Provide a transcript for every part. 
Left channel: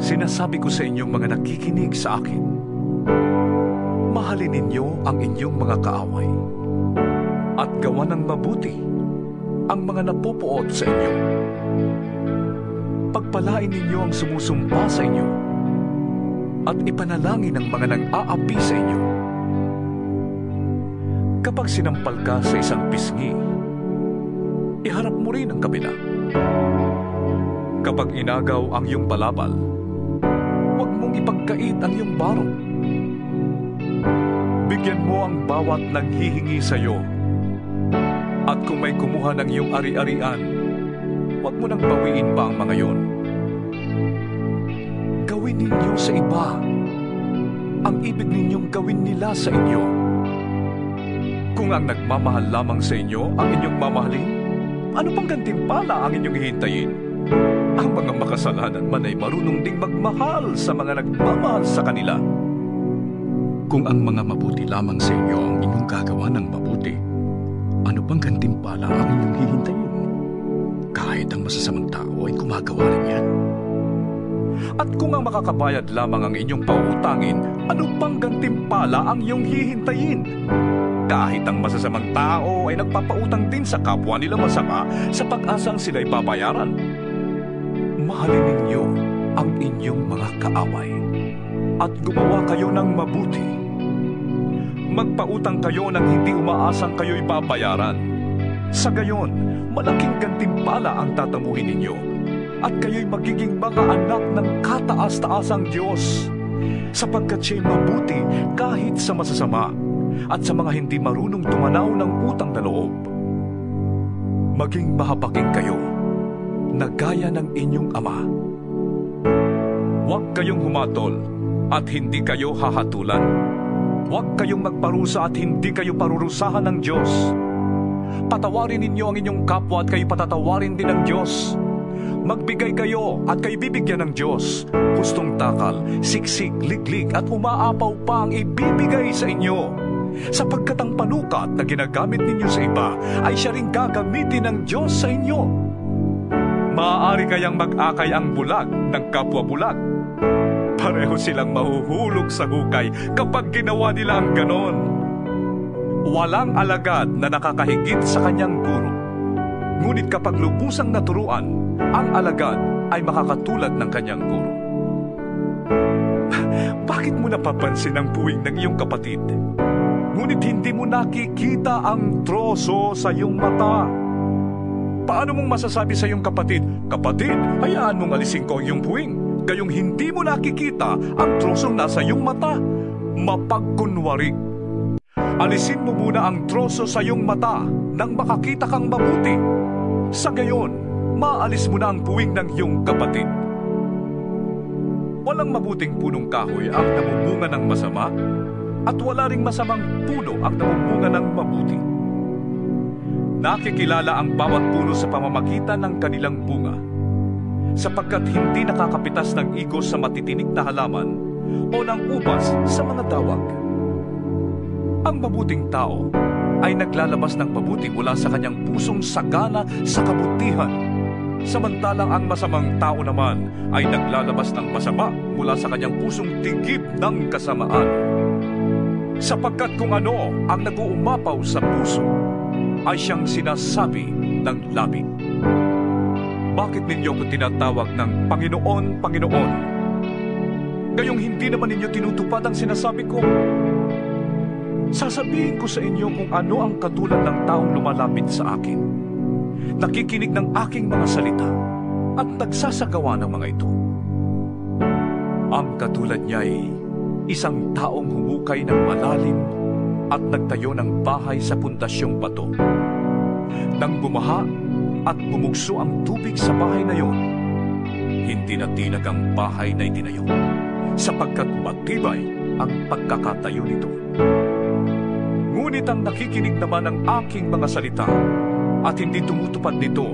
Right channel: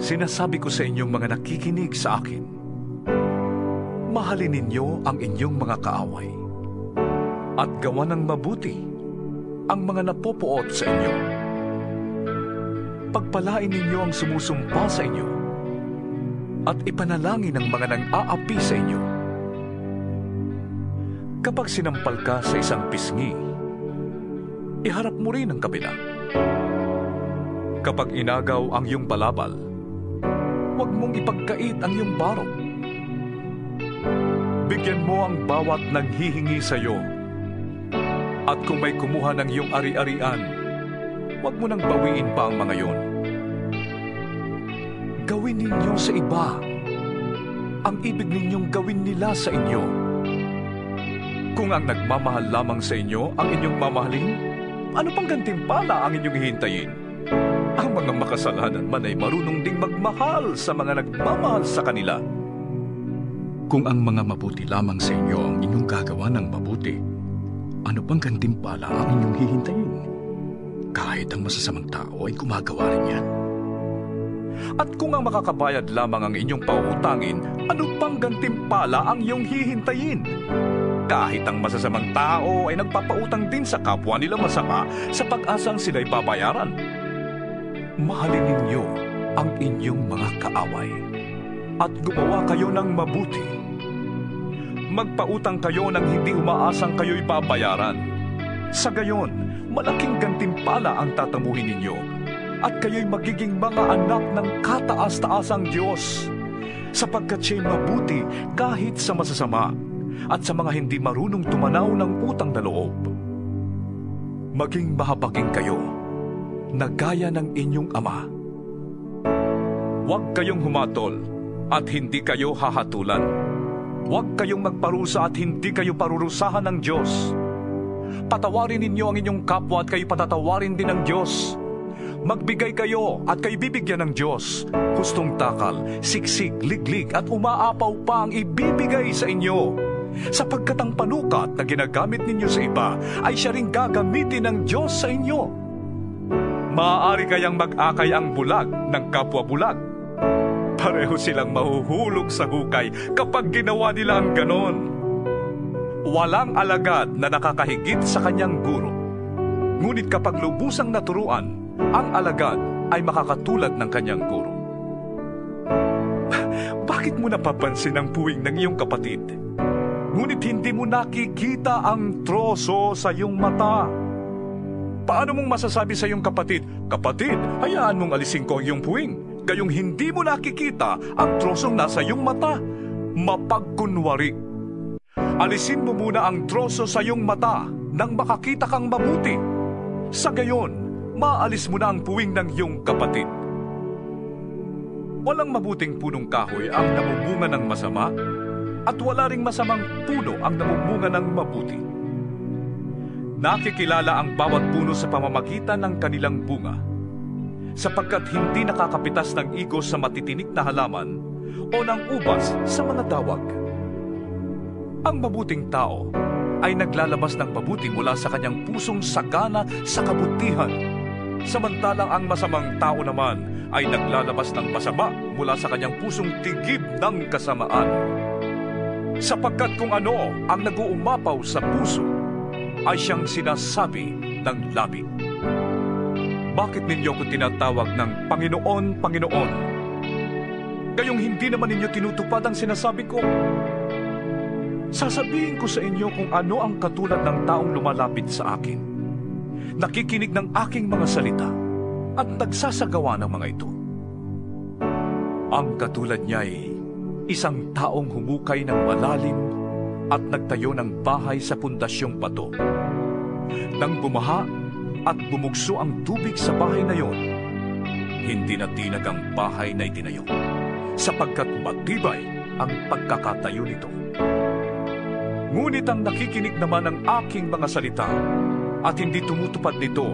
Sinasabi ko sa inyong mga nakikinig sa akin, mahalin ninyo ang inyong mga kaaway at gawa ng mabuti ang mga napupuot sa inyo. Pagpalain ninyo ang sumusumpa sa inyo at ipanalangin ang mga nang-aapi sa inyo. Kapag sinampal ka sa isang pisngi, iharap mo rin ang kabila. Kapag inagaw ang iyong balabal, huwag mong ipagkait ang iyong baro. Bigyan mo ang bawat nanghihingi sa iyo. At kung may kumuha ng iyong ari-arian, huwag mo nang bawiin pa ang mga yon. Gawin ninyo sa iba ang ibig ninyong gawin nila sa inyo. Kung ang nagmamahal lamang sa inyo ang inyong mamahalin, ano pang gantimpala ang inyong hihintayin? Ang mga makasalanan man ay marunong ding magmahal sa mga nagmamahal sa kanila. Kung ang mga mabuti lamang sa inyo ang inyong gagawa ng mabuti, ano pang gantimpala ang inyong hihintayin? Kahit ang masasamang tao ay gumagawa rin yan. At kung ang makakabayad lamang ang inyong pauutangin, ano pang gantimpala ang iyong hihintayin? Kahit ang masasamang tao ay nagpapautang din sa kapwa nila masama sa pag-asang sila'y babayaran. Mahalin ninyo ang inyong mga kaaway at gumawa kayo ng mabuti. Magpautang kayo nang hindi umaasang kayo'y babayaran. Sa gayon, malaking gantimpala ang tatamuhin ninyo at kayo'y magiging mga anak ng kataas-taasang Diyos, sapagkat siya'y mabuti kahit sa masasama at sa mga hindi marunong tumanaw ng utang na loob. Maging mahabagin kayo na gaya ng inyong ama. Huwag kayong humatol at hindi kayo hahatulan. Huwag kayong magparusa at hindi kayo parurusahan ng Diyos. Patawarin ninyo ang inyong kapwa at kayo patatawarin din ng Diyos. Magbigay kayo at kayo bibigyan ng Diyos. Hustong takal, siksik, liglig at umaapaw pa ang ibibigay sa inyo. Sapagkat ang panukat na ginagamit ninyo sa iba ay siya ring gagamitin ng Diyos sa inyo. Maaari kayang mag-akay ang bulag ng kapwa bulag. Pareho silang mahuhulog sa hukay kapag ginawa nila ang ganon. Walang alagad na nakakahigit sa kanyang guro. Ngunit kapag lubusang naturuan, ang alagad ay makakatulad ng kanyang guro. Bakit mo napapansin ang puwing ng iyong kapatid? Ngunit hindi mo nakikita ang troso sa iyong mata. Paano mong masasabi sa iyong kapatid, "Kapatid, hayaan mong alisin ko ang iyong puwing," gayong hindi mo nakikita ang trosong nasa iyong mata? Mapagkunwari. Alisin mo muna ang troso sa iyong mata nang makakita kang mabuti. Sa gayon, maalis mo na ang puwing ng iyong kapatid. Walang mabuting punong kahoy ang namumunga ng masama, at wala ring masamang puno ang namumunga ng mabuti. Nakikilala ang bawat puno sa pamamagitan ng kanilang bunga, sapagkat hindi nakakapitas ng igos sa matitinik na halaman o ng ubas sa mga dawag. Ang mabuting tao ay naglalabas ng mabuti mula sa kanyang pusong sagana sa kabutihan, samantalang ang masamang tao naman ay naglalabas ng masama mula sa kanyang pusong tigib ng kasamaan. Sapagkat kung ano ang nag-uumapaw sa puso, ay siyang sinasabi ng labi. Bakit ninyo ko tinatawag ng Panginoon, Panginoon? Gayong hindi naman ninyo tinutupad ang sinasabi ko. Sasabihin ko sa inyo kung ano ang katulad ng taong lumalapit sa akin, nakikinig ng aking mga salita, at nagsasagawa ng mga ito. Ang katulad niya ay isang taong humukay ng malalim at nagtayo ng bahay sa pundasyong bato. Nang bumaha at bumugso ang tubig sa bahay na yon, hindi na tinag ang bahay na itinayo, sapagkat matibay ang pagkakatayo nito. Ngunit ang nakikinig naman ng aking mga salita at hindi tumutupad nito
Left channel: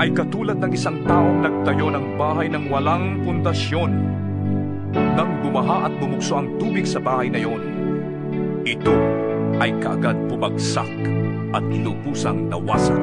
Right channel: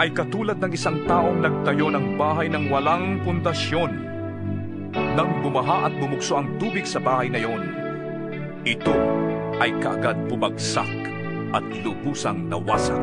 ay katulad ng isang taong nagtayo ng bahay ng walang pundasyon. Nang bumaha at bumugso ang tubig sa bahay na yon, ito ay kaagad bumagsak at lubusang nawasak.